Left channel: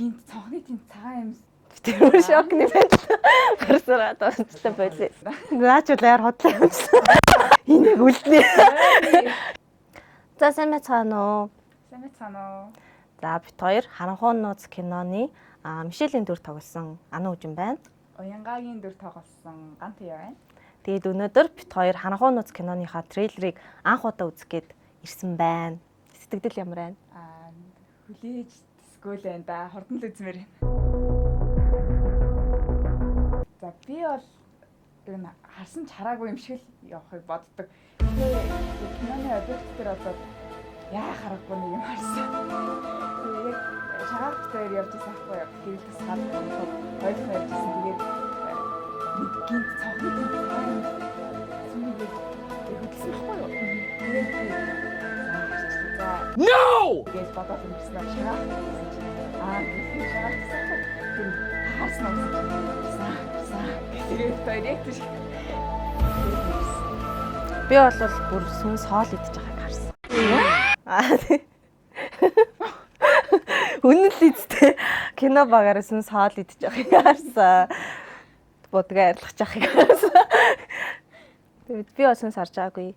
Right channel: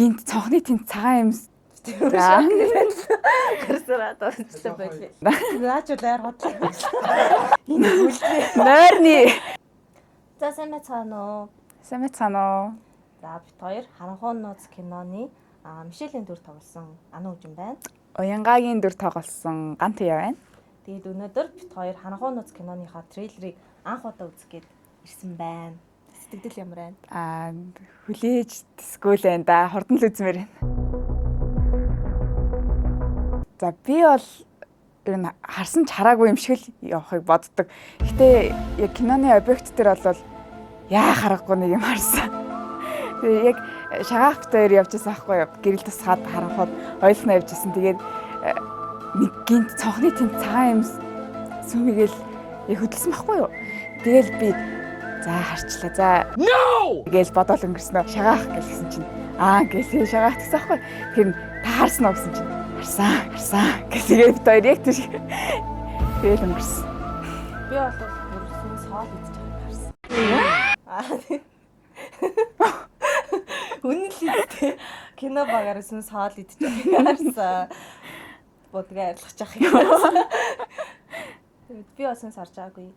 гинт цонхны тэнд цагаан юм тэр шок нэмээд гарсараад байна болээ. Наач улаар хотлоо. Энэ бүлний нойрны. За сайн байцгаана уу? Сайн байцгаана уу? За бит хоёр харанхуун нууц киноны Мишелийн дүр тоглосон Ана Үжин байна. Уянгагийн дүр тоглосон Гантия байна. Тэгээд өнөөдөр бит хоёр харанхуун нууц киноныхаа трейлерыг анх удаа үзэх гээд ирсэн байна. Сэтгэл ямар байна? Хүлээж тэсгүүл байна да. Хурдан л үзмээр байна. За би бол энэ харсан ч хараагүй юм шиг л явахыг боддог. Гэтэ яг киноны объект дээр бол яа харахгүй нэг юм харсан. Тэгээ яг шагаах дээр явж байсан аахгүй юу? Гэрэл тусгаад харахад хоёулаа явж байсан. Тэгээд нэг гинт цонхны тэнд цагаан юм сүмгээл хөдөлсөн байхгүй юу? Тэгэл би за харчлаа. За no гэж бодоод өнгөрснөө шагаах гэсэн чинь гэсэн шагаах гэсэн аахгүй. Тэр та харсан уу гэсэн чинь харсан гэдэг хоёр яг тийш. Тэгэл өнгөрсөн. Би бол бүр сүн соол идэж байгааг харсан. Үнэн л үстэй кино багаар сүн соол идэж байгааг харсан. Бодгаа арилгах яах юм. Тэгээд би бас сүн сарж байгаагүй.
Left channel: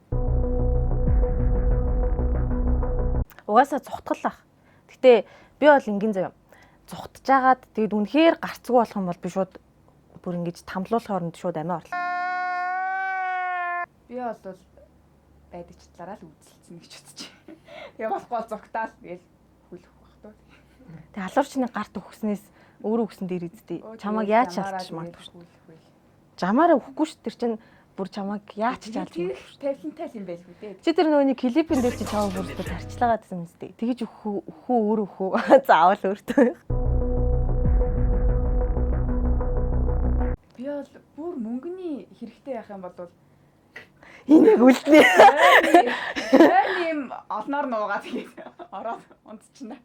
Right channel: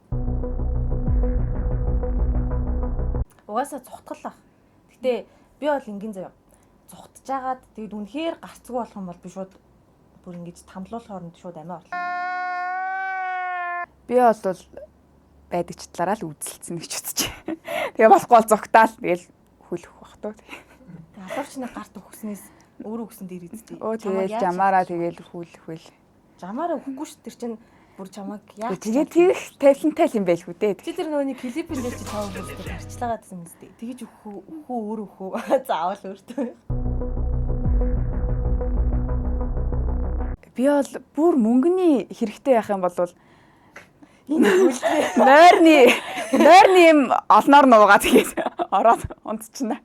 Угаасаа зүхтгалах. Гэтэ би бол ингийн заяа. Зүхтж агаад тэгээд үнэхээр гарцгүй болох юм бол би шууд бүр ингэж тамлуулахын оронд шууд амиа орлоо. Би бол байдаг ч талаараа л үзэлцэн гэж үзчихэ. Тэгээ болохгүй бол зогтаал тэгэл хүлэх бах тоо. Тэгээ алуурчны гарт өгснээс өөрөө өгсөн дээр эзтэй. Чамаг яаж жамаараа тэгэл хүлэх. Жамаараа өгөхгүй ш тэр чинь бүр чамаг яаж тэгээд тийх тавилантай юм байлгүй дээ. Чи тэр нөгөө клипэн дээр чи чамаг бүрдээ харцлаагаад байсан үстэй. Тэгэж өхөө өөр өхөө заавал өөртөө. Би бол бүр мөнгөний хэрэгтэй байх юм бол энэ бүлний нойрны юм олноор нуугаа тэгээд ороод унтчихна.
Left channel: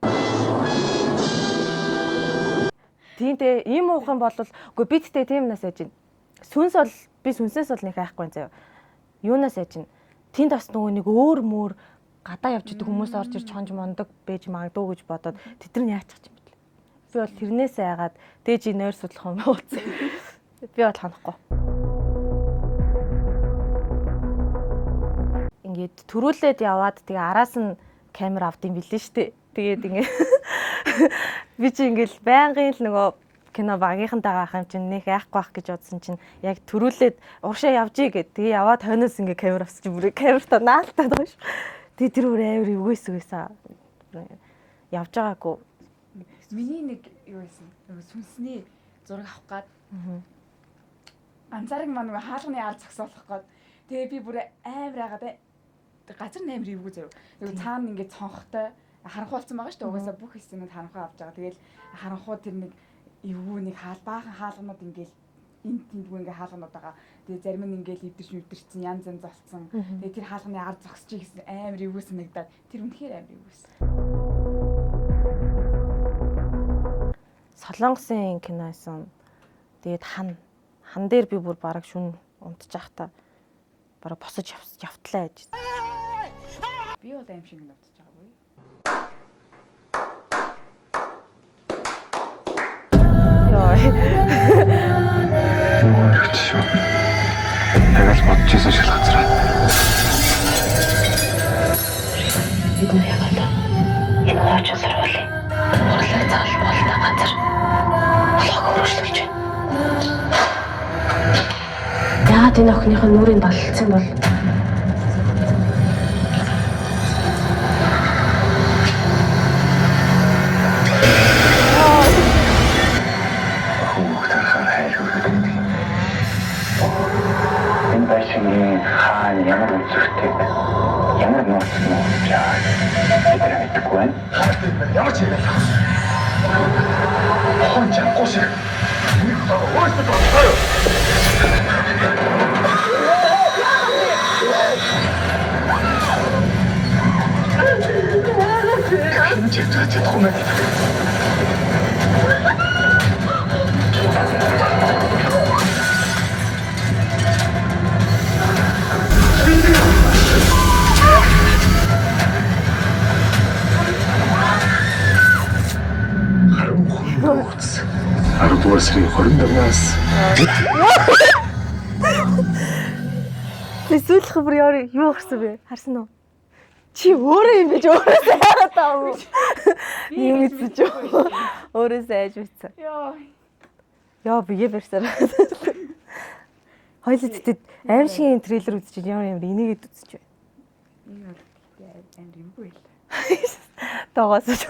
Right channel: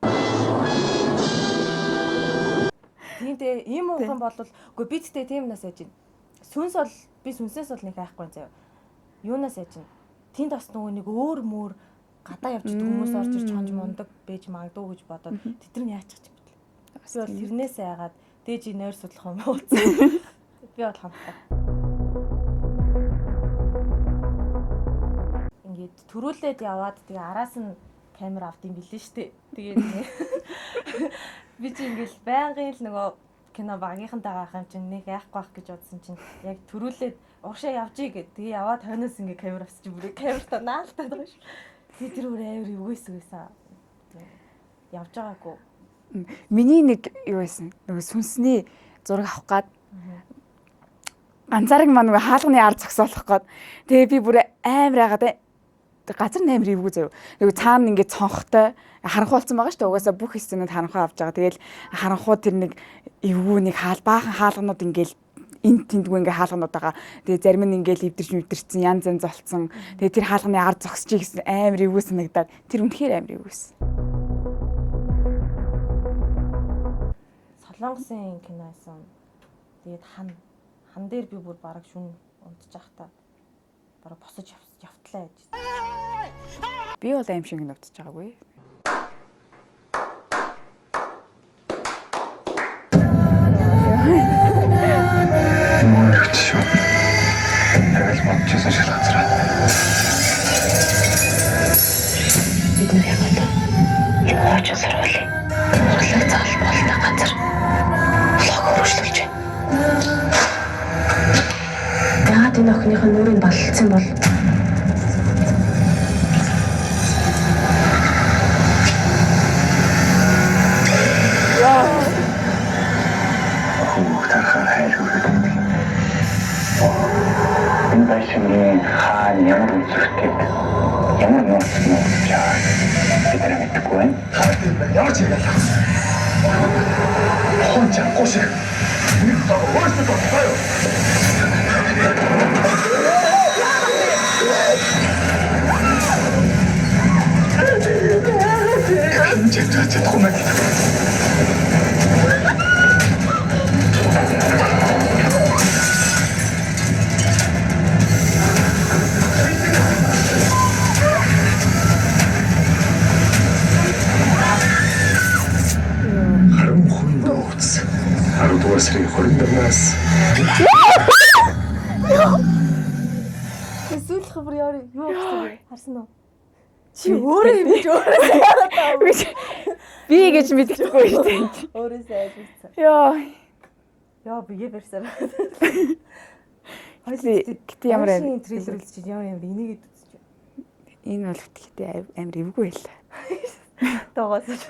Тиймээ ийм уухан бол үгүй бидтэй тийм нас ажин. Сүнс бол би сүнсээс бол нэг айхгүй заяа. Юунаас ажин. Тэнд бас нөгөө нэг өөр мөр гадаа явж идэг хүмүүс орж ирж хонж мондог бэж магадгүй гэж бодоод тэд нар яачих юм бэ? Би бол тэрнээсээ айгаад дээж нойр судлах юм ууцсан. Би бол ханахгүй. Ингээд төрүүлээд яваад тэгээ араас нь камер авдсан билээ штэ. Тэгээд ингээд би чи ингээд байнгын л нөгөө кино багийнхантайгаа ах юм чинь нэг яахгүй байх гэж бодсон чинь яг төрүүлээд уршаа явжий гэд тэгээ яваад хойноос ингээд камер авсан чинь бүр камертаа наалтаад байгаа ш. Тэгээ тэр бүр амар үгээссэн. Явж байгаагүй. Миний нэг юу байсан? Нөгөө сүнсний зураг авах гад ганцаараг маа нөгөө хаалганы ар зогсоолох гээд тэгээ би бүр амар яагаад газар амар ивгүй заяа. Нөгөө цаана ингээд цонхтой харанхуй болсон байгаа шүү дээ. Угаасаа бүх хэсгэнүүд харанхуй авч байгаа. Тэгээл харанхуй тэр нэг эвгүй нэг баахан хаалганууд ингээл энд тэндгүй ингээ хаалганууд байгаа. Тэгээ зарим нь ингээл эвдэрсэн янз янз болцсон. Тэгээ тэр хаалганы ар зогсчих гэсэн амар ивгүй санагдаад тэр үнэхээр амар ивгүйсэн. Солонгосын кино байсан. Тэгээд хан дээр би бүр бараг шүн унтчих та бараг босож явтлаа гэж. Би бол аим шиг нутж байгаагүй. Мөрөгчөө. Тэгэл бодчихсон шалгацраа. Бид нэр яваад яваач сарвал. Хурлаг заал болтой газар. Лог өргөжлөж байна. Яагаад энэ охиныхоо нүрийг болцсон бол байшингийн хаан ямар үзэгтэй ямар нууц яа бид нар мэдгүй байна. Ямар ч юм яа. Хон чангүй шиг. Өөрөөсөө тоо. Кан чэт хумаа. 10 дугаар сарын 25-наас Эсвэл хабар юу гэсэн бэ? Харсан уу? Чи өөрөө юм гэж өөрөө хараад Би гэж мэдчихгүй шүү дээ. өөрөө сайж мэдсэн. Яа, бигээ барьсаар. Хоёул Гэтэ ямар аимшигын трейлер үзчих юм энийгээд үзчих вэ. энэ бол гэхдээ амар эвгүй байл. Тоогоос ч.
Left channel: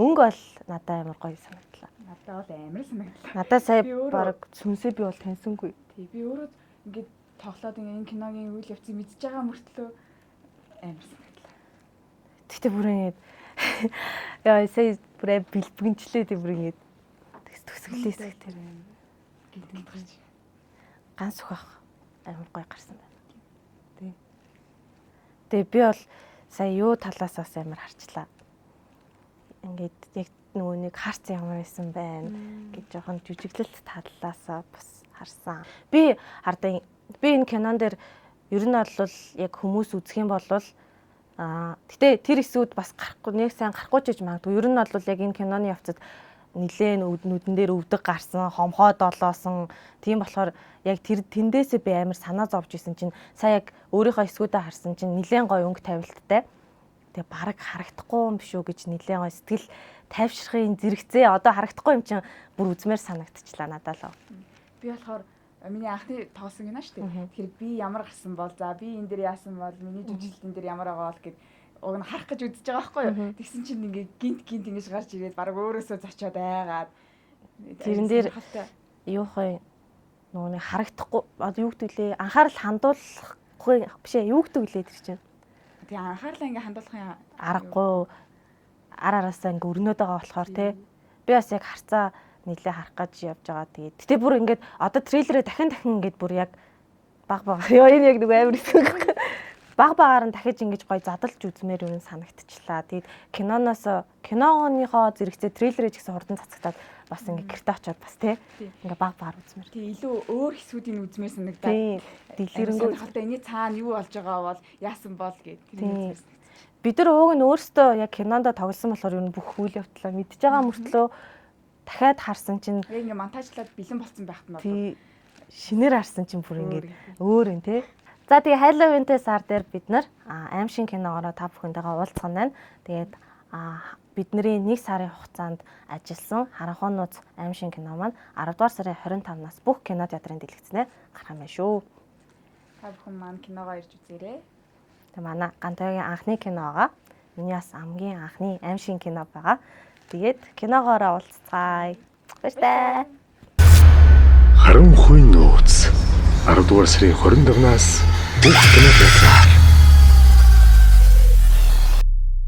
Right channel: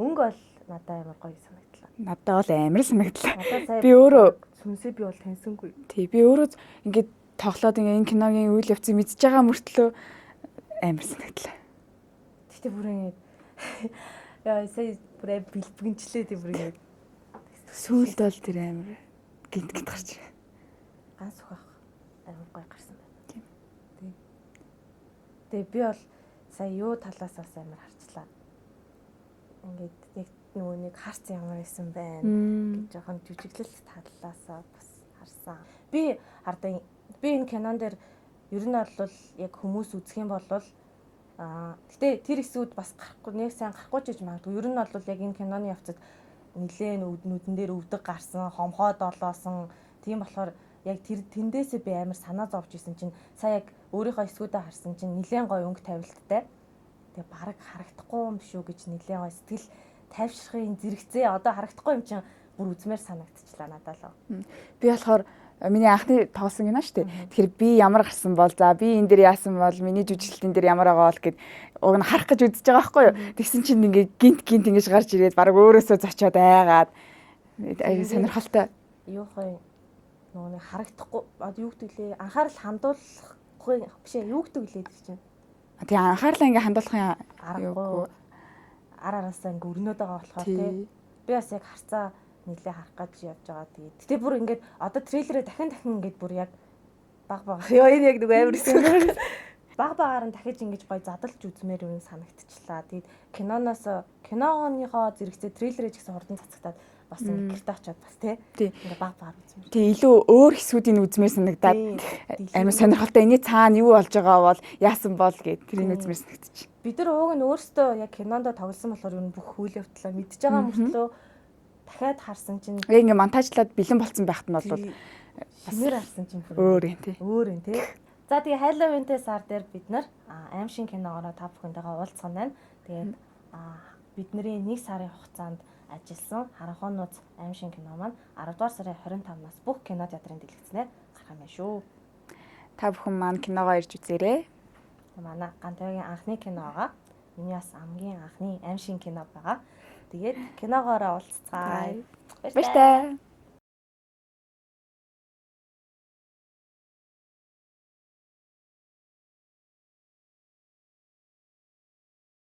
Өнгө бол надад амар гоё санагдлаа. Надад бол амар санагдлаа. Надад сая Би өөрөө сүнсээ би бол таньсангүй. Тий, би өөрөө ингээд тоглоод ингээ энэ киногийн үйл явцыг мэдж байгаа мөртлөө амар санагдлаа. Тэгтээ бүр ингэж яа сая бүр бэлбгэнчлээ тий бүр ингэж Сүүлд бол тэр амар гинт гарч ирээ. ганц ухаах амар гоё гарсан байна. Тийм. Тэгээ би бол сая юу талаас бас амар харчлаа. Ингээд яг нөгөө нэг харц ямар байсан байна гэж жоохон жүжиглэлт талаасаа бас харсан. Би хардаа би энэ кинон дээр ер нь бол яг хүмүүс үзэх юм бол гэтээ тэр хэсгүүд бас гарахгүй нэг сайн гарахгүй ч гэж магадгүй. Ер нь бол яг энэ киноны явцад нилээн нүдэн дээр өвдөг гарсан, хомхоо долоосон. Тийм болохоор яг тэр тэндээсээ би амар санаа зовж исэн чинь сая яг өөрийнхөө эсгүүдээ харсан чинь нилээн гой өнгө тавилттай. Тэгээ бараг харагдахгүй юм биш үү гэж нилээн гой сэтгэл тайвширхын зэрэгцээ одоо харагдахгүй юм чинь бүр үзмээр санагдчихлаа надад л. Би болохоор миний анхны тоосон гинэ шүү дээ. Тэгэхээр би ямар гарсан бол за би энэ дээр яасан бол миний жүжиглэлтэн дээр ямар байгаа бол гэд уг нь харах гэж үзэж байгаа байхгүй юу. Тэгсэн чинь ингээ гинт ингэж гарч ирээд баг өөрөөсөө зочиод айгаад энэ дээр сонирхолтой. Юу хой нөгөө харагдахгүй одоо юу гэдэг лээ анхаарал хандуулахгүй биш ээ юу гэдэг лээ тэр чинь. Тэгээ анхаарлаа ингээ хандуулахын аргагүй ар араасаа ингээ өрнөд байгаа болохоор тий. Би бас яг харцаа нийлээ харах гэж явж байгаа. Тэгээд гэтээ бүр ингээд одоо трейлерээ дахин ингээд бүр яг баг ёо энэ яг нэг амар хэсэг. Баг багаар нь дахиж ингэж гоё задалж үзмээр юу санагдчихлаа. Тэгээд киноныхоо зэрэгцээ трейлерээ ч гэсэн хурдан цацагтаад бас ингээ гэрте очиод бас тий ингээ баг багаар үзмээр. Тий илүү өөр хэсгүүдийн үзмээр санагдаад амар сонирхолтой. Эний цаана юу болж байгаа бол яасан бол гэд тэрийг үзмээр санагдчих. Бид нар ууг нь өөрсдөө яг кинонд тоглосон болохоор юу бүх үйл явдлаа мэдж байгаа мөртлөө дахиад харсан чинь яг ингээ монтажлаад бэлэн болцсон байхад нь бол шинээр харсан чинь бүр өөр юм тий. За тэгээ Halloween-тэй сар дээр бид нар аимшиг киногоор та бүхэндээ уулзсан байна. Тэгээд бидний 1 сарын хугацаанд ажилласан Харанхуй нууц аимшиг кино маань 10 дугаар сарын 25-наас бүх кино театрын дэлгэцнээр гарах юм байна шүү. Та бүхэн маань киногоо ирж үзээрэй. Тэгээ манай Гантайгийн анхны кино байгаа. Миний бас хамгийн анхны аимшиг кино байгаа. Тэгээд киногоор уулзцгаая. Баярлалаа. Харанхуй нууц 10 дугаар сарын 25-наас бүх кино театрт